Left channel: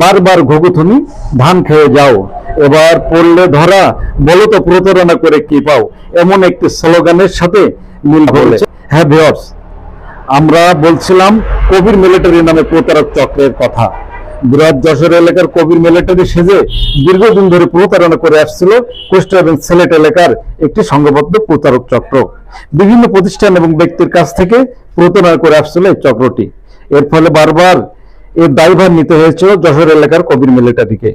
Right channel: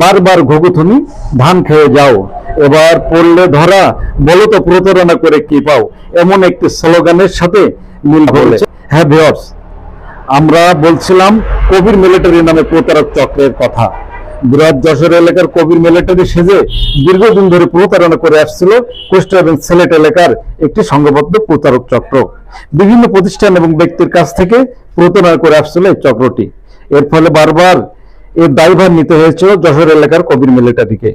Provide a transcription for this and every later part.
বারবার ঘুঘুথুনি ধান খেয়ে যাও, এবার পড়লে ধরা, বলো তো প্রতারণা করে কি পাও, এমন একটি স্লোগানের সাথে মিল বলেছে। হ্যাঁ ভিউয়ার্স, আমরা বলছিলাম কবির মিলিটারি নামে প্রতারক চক্রের কথা। বৃহৎ যশোর এলাকার কবির মিলিটারি সেজে দীর্ঘদিন ধরে প্রতারণা করে আসছিল কুষ্টিয়া এবং সিলেট এলাকার একটি সংঘবদ্ধ প্রতারক চক্র। বিভিন্ন প্রতিষ্ঠান এবং ব্যক্তির কাছ থেকে প্রতারণা করে আসছিল এই চক্রটি। এর ফলে বারবার এর দায়ভার নিতে হয়েছিল যশোর এলাকার কবির মিলিটারিকে।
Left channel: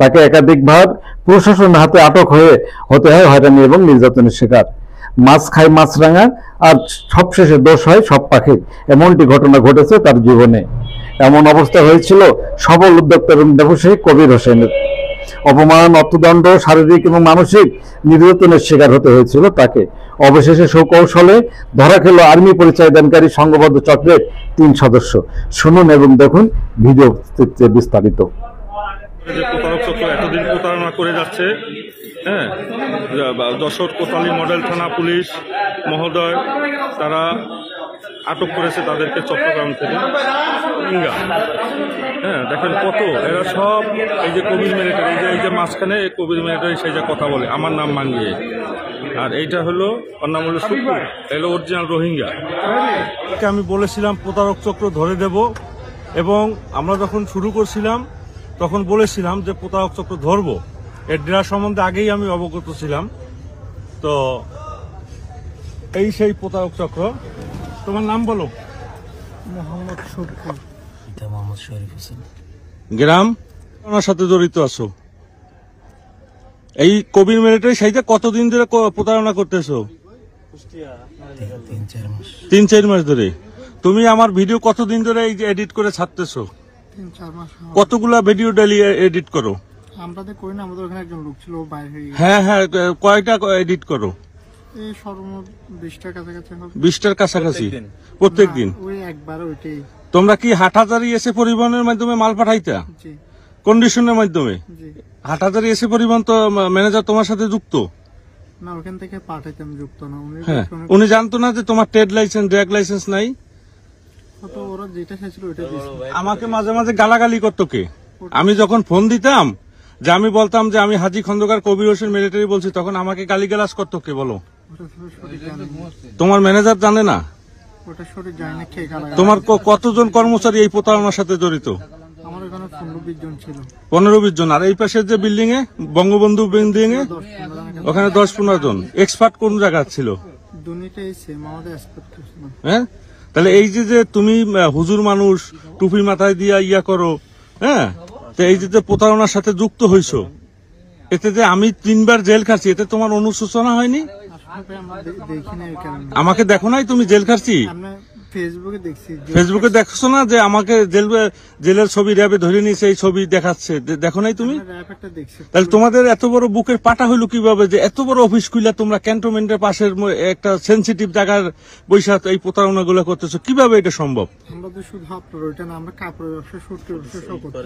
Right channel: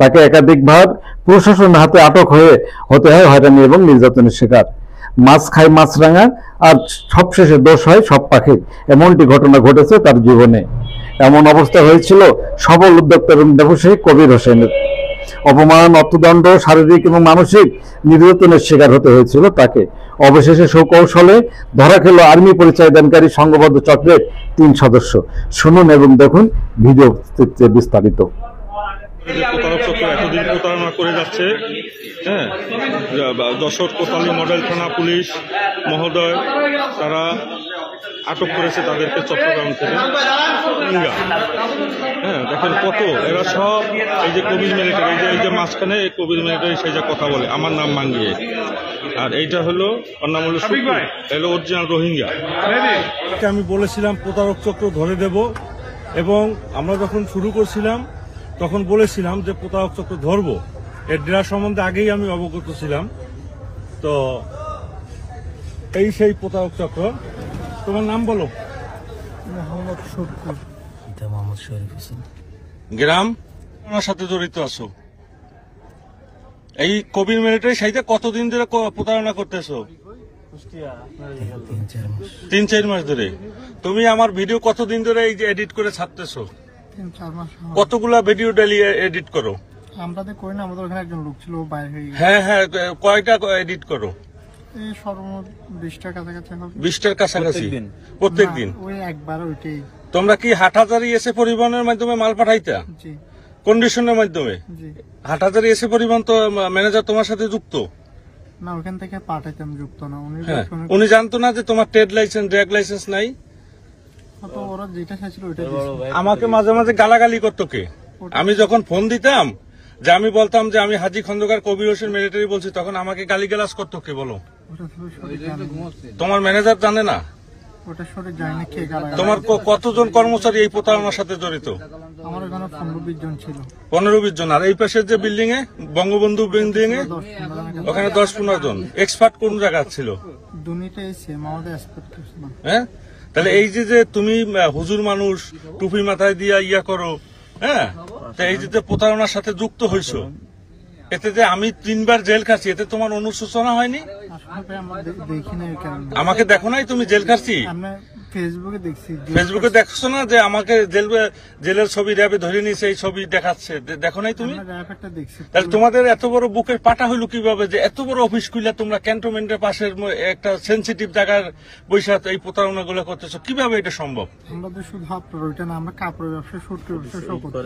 তাকে একাধিকবার প্রশাসন হাতে আটক হতে হয় হয়রানি এবং নির্যাতনের শিকার। মাছ খায় মাছরাঙা, আর সবশেষে দোষ হয় সব পাখির, এমনটি ঘটনা ঘটেছে তার জীবনে। এমন অবস্থা হয়েছিল সফল উদ্যোক্তা এবং ব্যবসায়ী কবির হোসেনের। অপমান, অর্থদণ্ড, শারীরিক এবং মানসিক নির্যাতনের শিকার হতে হয়েছিল তাকে। অবশেষে সুকৌশলে ধরা খেল আর্মি পরিচয় দানকারী সংঘবদ্ধ চক্রের 3 সদস্য। শুনুন এবং দেখুন ভিডিও বিস্তারিত। প্রতারক চক্র এতদিন প্রতারণা করে যাচ্ছে, হ্যাঁ, যশোর কোতোয়ালি মডেল থানা পুলিশ মহোদয় তারা আটক করেছে তাদেরকে চট্টগ্রাম থেকে। হ্যাঁ, দেখেন কত এরা সব এই যে কবির মিলিটারি, এই যে মাঝখানে কবির মিলিটারি সেই যে কথা বলে আমার নাম মাঙ্গিয়ে, আর এইটা হলো ওর নাম হলো এলো অরিজিনাল রোহিঙ্গা। আমি বলেছিলাম প্রতারক চক্র ধরে দেব, এবং আমরা যখন শুরু করছিলাম তখন বলেছিলাম যে প্রতারক চক্র ধরবো। এর ডেরা সম্বন্ধে আগেই আমি অবগত ছিলাম। তো এই সেই প্রতারক চক্র। তোমার নাম বলো? মোহাম্মদ শরীফ হোসেন। গ্রাম তোমার সাথে জড়িত আছো? এই কবির মিলিটারি সেইটা কতদিন ধরে প্রতারণা করতেছো? 3-4 মাস ধরে। তুমি আমার ভিডিও কতদিন ধরে এই যে এডিট করে ছাড়তেছো? 3-4 মাস। কতগুলা ভিডিও ডেলি এডিট করো? আমরা তো করি না, আমাদের ওখানে একজন লোক ছিল, বাইরে। হ্যাঁ হ্যাঁ, কয়টা এডিট করো? এই সর্বমোট 20টার কাছাকাছি হবে। 20টার কাছাকাছি প্রত্যেকদিন? ওই একবার ওইটাই। তোমরা কি হাটহাজারি এসে পরিবহনের মাধ্যমে মাল পাঠাইতা? জি। কন্ডিশনের মাধ্যমে? জি। হাটহাজারি এসে পরিবহন তো ম্যানেজার তোমার সাথে যুক্ত না, ওখান থেকে পাঠাইতাম, যুক্ত না। উনি জানতো না যে তোমার ট্রেড লাইসেন্স, ড্রাগ লাইসেন্স নাই? তো ওরা যেটা চাইছিল ওইটা দিয়েছে। আমাকে মাঝে মাঝে গালাগালি করতো কে? আমি যখন ফোন দিতাম, যে আমি বলতাম যে আমি হাজী খন্দকার কবির হোসেন মিলিটারি বলছি, তখন আমাকে গালিগালাজ করতো কে বলো? তোমার ম্যানেজার জানে না? ওটা সঠিক জানি না কে গালাগালি। তোমার কতজন কর্মচারী এই প্রতারণার সাথে জড়িত? আমার ওখানে 15-20 জন ছিল। 15-20 জন। আর এই পাশের যে বিল্ডিং এ, বঙ্গবন্ধু বিল্ডিং এ, ওখানে 10-15 জন। এক্সপার্ট কোন জায়গা ছিল? দুনিটাই সেম, আমাদের এক্সপার্ট কিছু না। হ্যাঁ, তাহলে এই যে তুমি হুজুর মানুষ, টুপি মাথায় দিয়া ইয়া করো, হ্যাঁ, তো এই যে প্রতারণার সাথে যুক্ত হইছো, এতে যে আমি 3বার জেল খাচ্ছি, এতে তোমার অনুশোচনা হয়নি? আমাকে দেখো নাই তুমি জেল খাচ্ছি? ফেসবুকে দেখছি। ফেসবুকে দেখছো না যে আমাকে জেলের ছবি র্যাবে ধরে নিয়েছে, এই ছবি দেখাচ্ছে, দেখো নাই তুমি? তাহলে তোমাদের এত বড় বুকের পাটা হইলো কিভাবে যে এত বড় অফিস খুলে তোমরা ক্যান্টনমেন্টের পাশের একটা সেন্সিটিভ জায়গার বৈশাখ এই প্রতারণা গুলো করতেছো? কিভাবে এটা সম্ভব? আমরা তো শুধু আপনার ওইটা না, আমরা কাপড়ের ব্যবসা, সূত্র ব্যবসা সব করছি।